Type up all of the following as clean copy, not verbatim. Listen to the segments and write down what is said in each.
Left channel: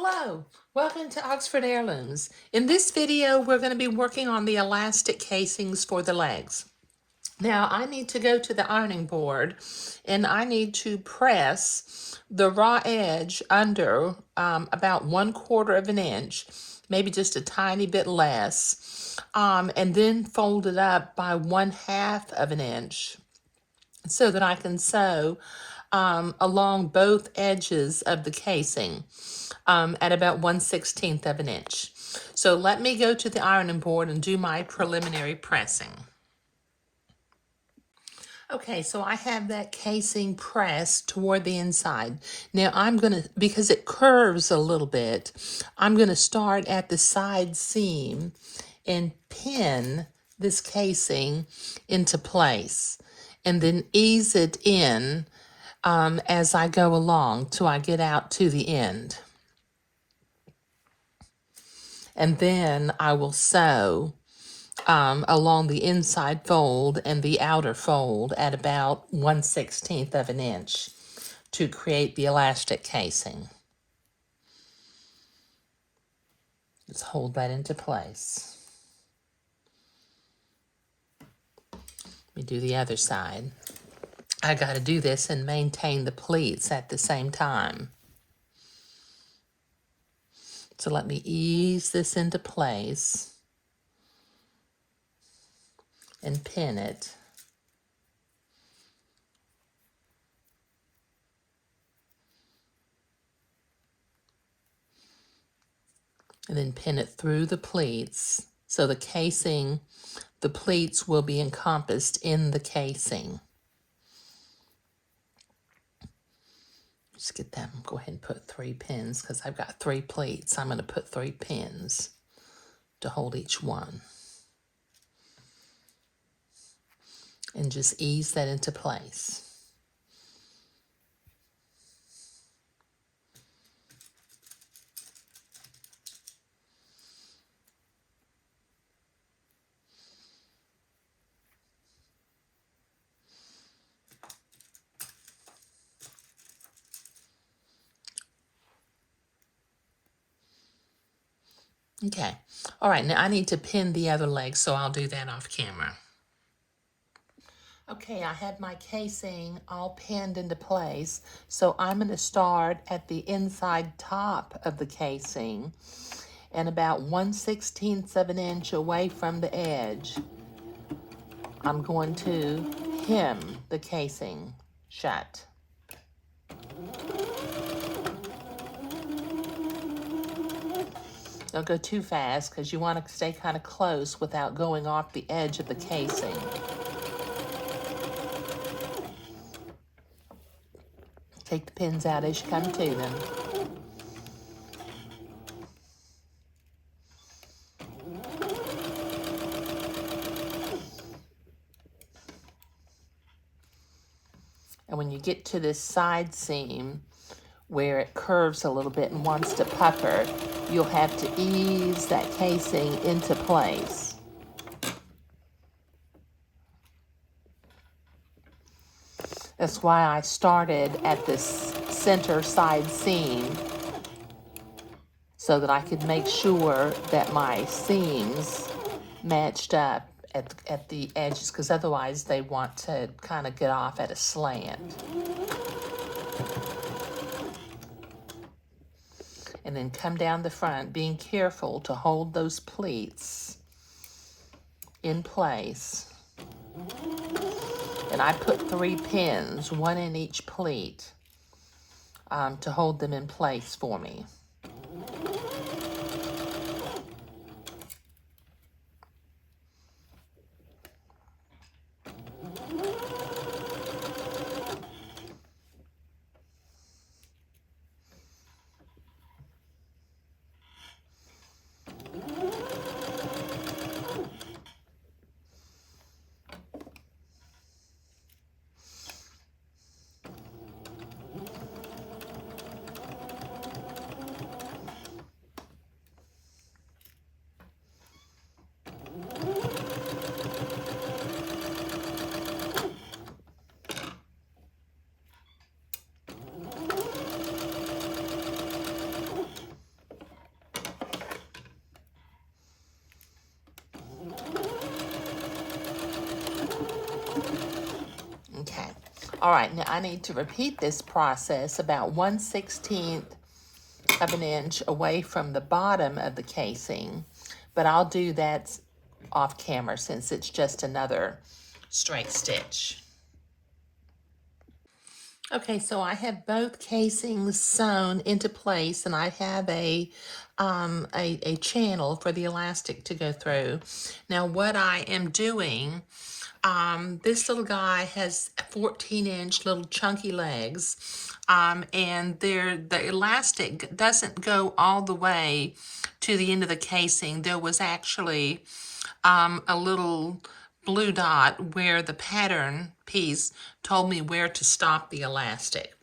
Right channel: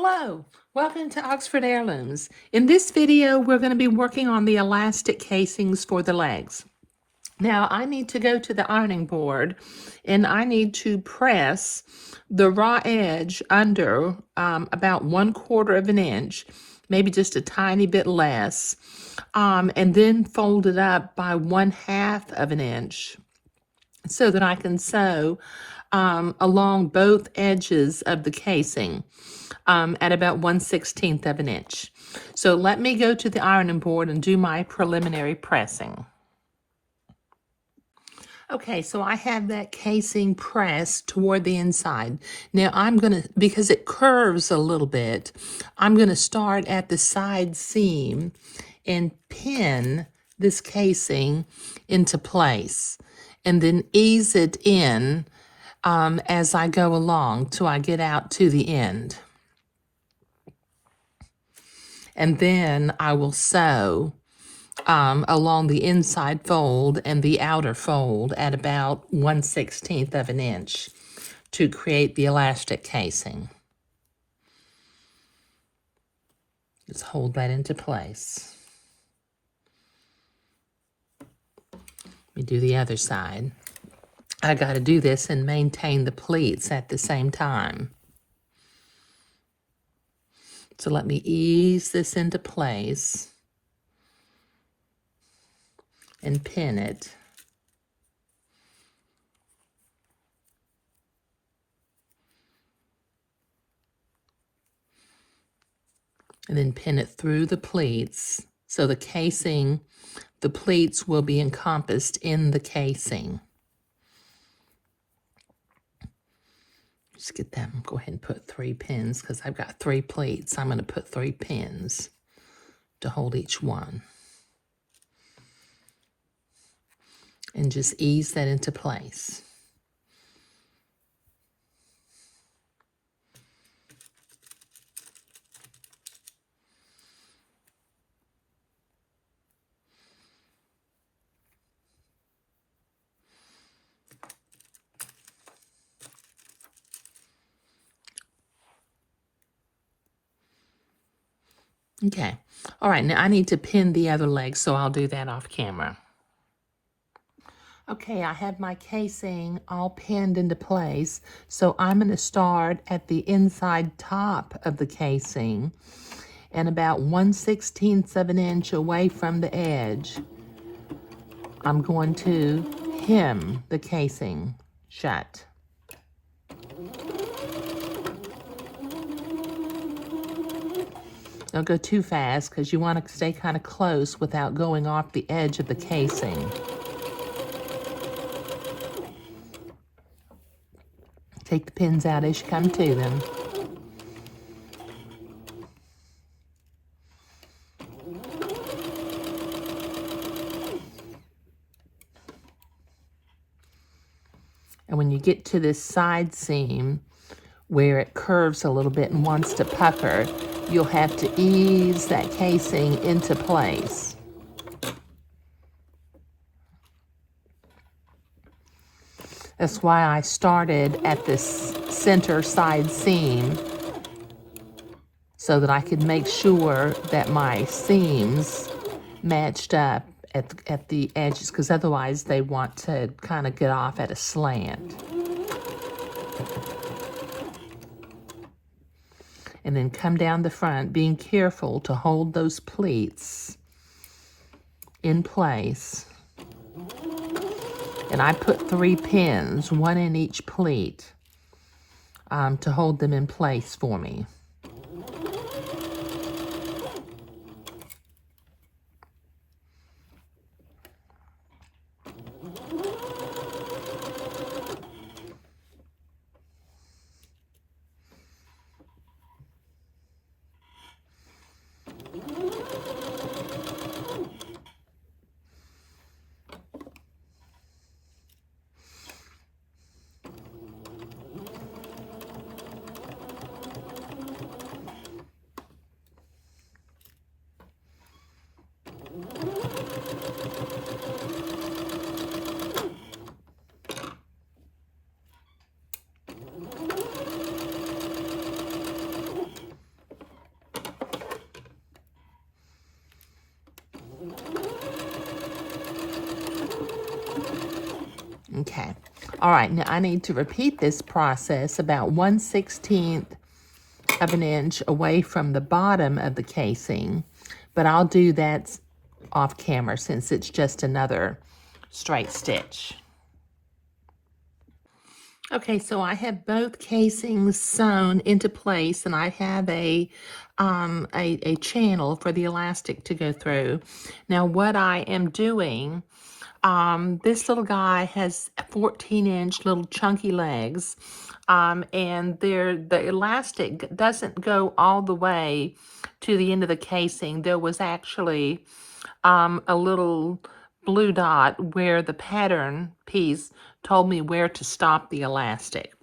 Hello, welcome to Oxford Heirlooms. In this video, we're going to be working on the elastic casings for the legs. Now, I need to go to the ironing board and I need to press the raw edge under about 1/4 of an inch, maybe just a tiny bit less, and then fold it up by 1/2 of an inch so that I can sew along both edges of the casing at about 1/16 of an inch. So let me go to the ironing board and do my preliminary pressing. Okay, so I have that casing pressed toward the inside. Now I'm gonna, because it curves a little bit, I'm gonna start at the side seam and pin this casing into place and then ease it in as I go along till I get out to the end. And then I will sew along the inside fold and the outer fold at about 1/16 of an inch to create the elastic casing. Just hold that into place. Let me do the other side. I got to do this and maintain the pleats at the same time. So let me ease this into place and pin it. And then pin it through the pleats so the casing, the pleats will be encompassed in the casing. Just get that one, go ahead and put 3 pins because I've got 3 pleats. I'm going to put 3 pins to hold each one. And just ease that into place. Okay, all right, now I need to pin the other leg, so I'll do that off camera. Okay, I have my casing all pinned into place, so I'm going to start at the inside top of the casing and about 1/16 of an inch away from the edge. I'm going to hem the casing shut. Don't go too fast because you want to stay kind of close without going off the edge of the casing. Take the pins out as you come to them. And when you get to this side seam where it curves a little bit and wants to pucker, you'll have to ease that casing into place. That's why I started at this center side seam so that I could make sure that my seams matched up at the edges, because otherwise they want to kind of get off at a slant. And then come down the front, being careful to hold those pleats in place. And I put 3 pins, 1 in each pleat, to hold them in place for me. All right, now I need to repeat this process about 1/16 of an inch away from the bottom of the casing, but I'll do that off camera since it's just another straight stitch. Okay, so I have both casings sewn into place, and I have a channel for the elastic to go through. Now, what I am doing, this little guy has 14-inch little chunky legs, and the elastic doesn't go all the way to the end of the casing. There was actually a little blue dot where the pattern piece told me where to stop the elastic.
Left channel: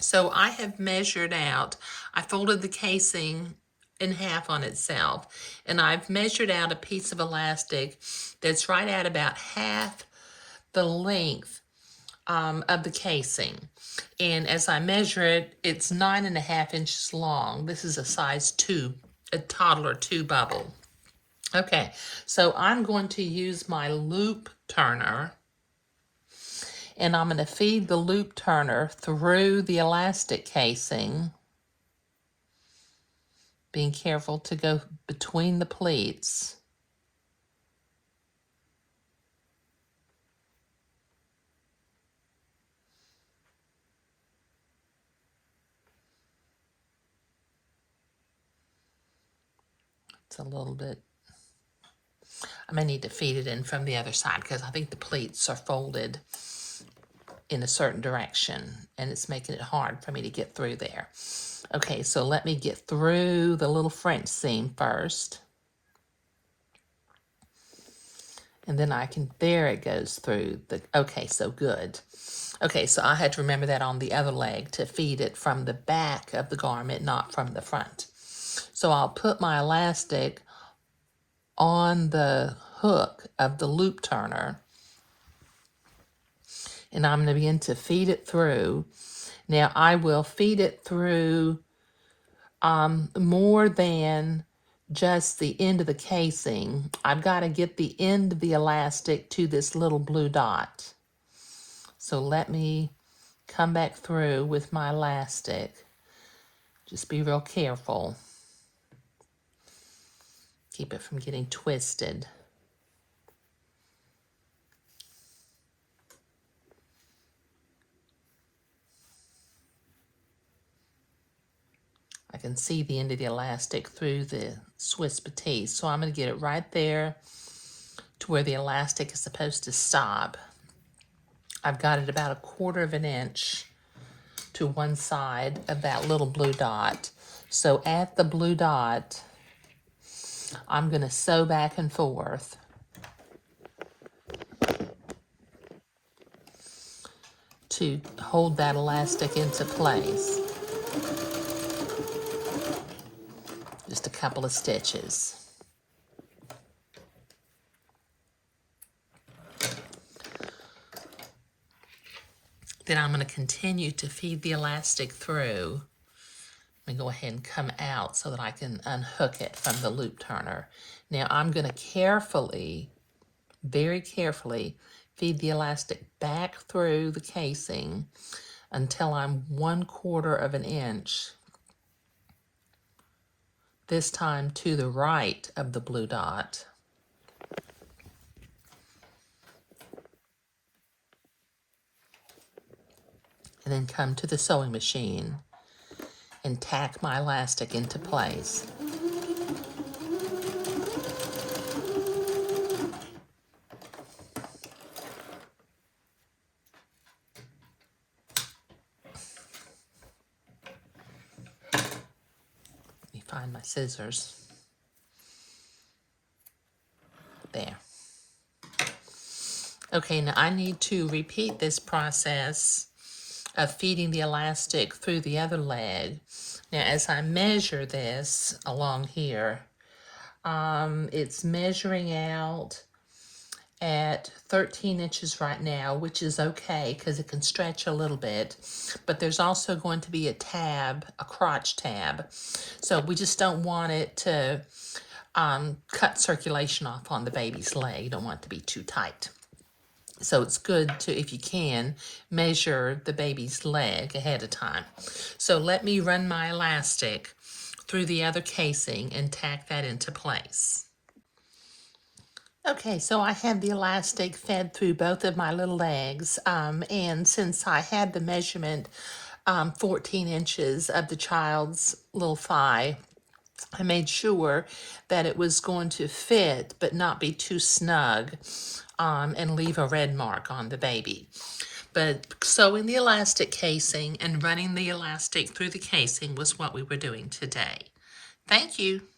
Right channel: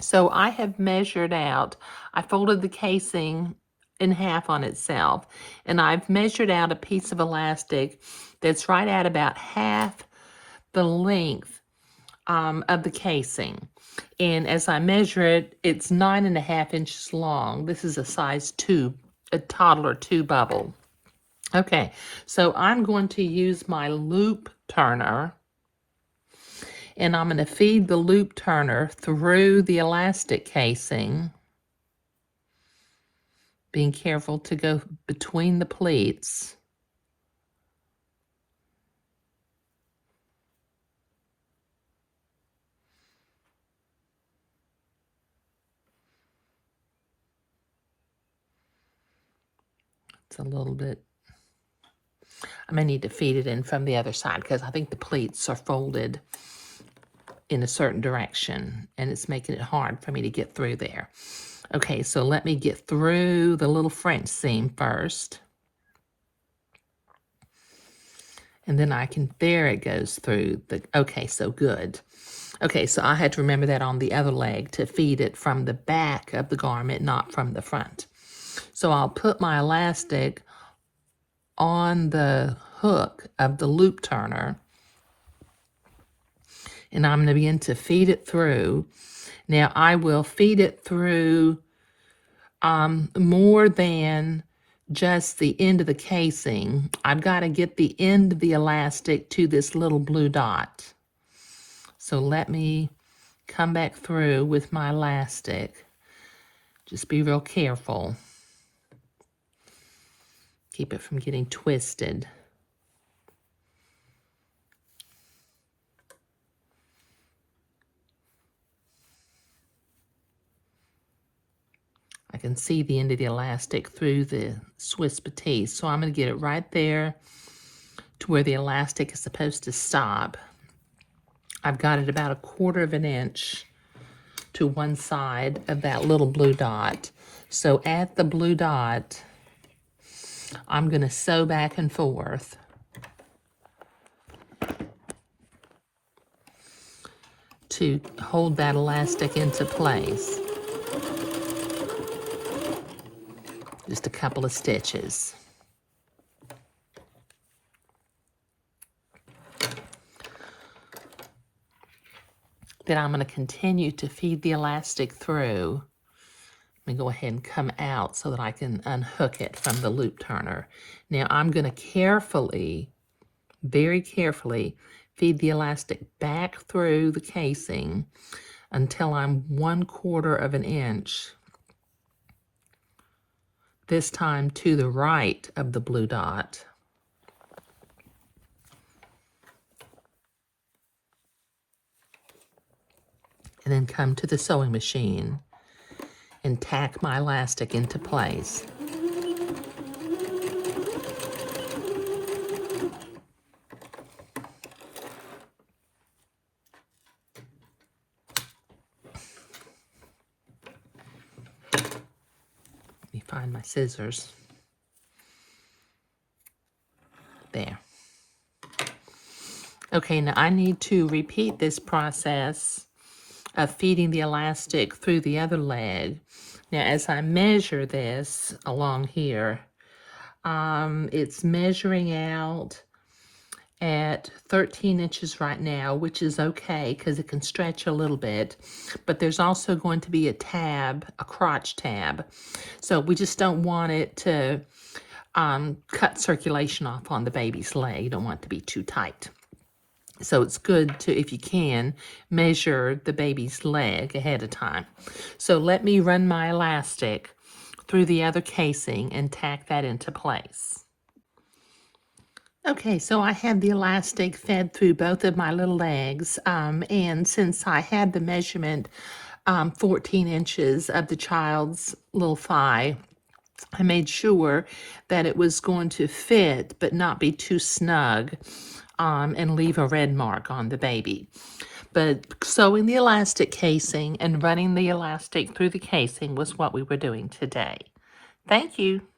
So I have measured out, I folded the casing in half on itself, and I've measured out a piece of elastic that's right at about half the length of the casing. And as I measure it, it's 9.5 inches long. This is a size 2, a toddler 2 bubble. Okay, so I'm going to use my loop turner, and I'm going to feed the loop turner through the elastic casing, being careful to go between the pleats. It's a little bit, I may need to feed it in from the other side because I think the pleats are folded in a certain direction, and it's making it hard for me to get through there. Okay, so let me get through the little French seam first. And then I can, there it goes through the, okay, so good. Okay, so I had to remember that on the other leg to feed it from the back of the garment, not from the front. So I'll put my elastic on the hook of the loop turner, and I'm going to begin to feed it through. Now I will feed it through more than just the end of the casing. I've got to get the end of the elastic to this little blue dot. So let me come back through with my elastic. Just be real careful. Keep it from getting twisted. I can see the end of the elastic through the Swiss Batiste, so I'm going to get it right there to where the elastic is supposed to stop. I've got it about 1/4 of an inch to one side of that little blue dot. So at the blue dot, I'm going to sew back and forth. To hold that elastic into place. Just a couple of stitches. Then I'm going to continue to feed the elastic through. Let me go ahead and come out so that I can unhook it from the loop turner. Now I'm going to carefully, very carefully, feed the elastic back through the casing until I'm 1/4 of an inch, this time to the right of the blue dot. And then come to the sewing machine and tack my elastic into place. Let me find my scissors. There. Okay, now I need to repeat this process of feeding the elastic through the other leg. Now, as I measure this along here, it's measuring out at 13 inches right now, which is okay because it can stretch a little bit, but there's also going to be a tab, a crotch tab. So we just don't want it to cut circulation off on the baby's leg. You don't want it to be too tight. So it's good to, if you can, measure the baby's leg ahead of time. So let me run my elastic through the other casing and tack that into place. Okay, so I had the elastic fed through both of my little legs, and since I had the measurement 14 inches of the child's little thigh, I made sure that it was going to fit but not be too snug, and leave a red mark on the baby. But sewing the elastic casing and running the elastic through the casing was what we were doing today. Thank you.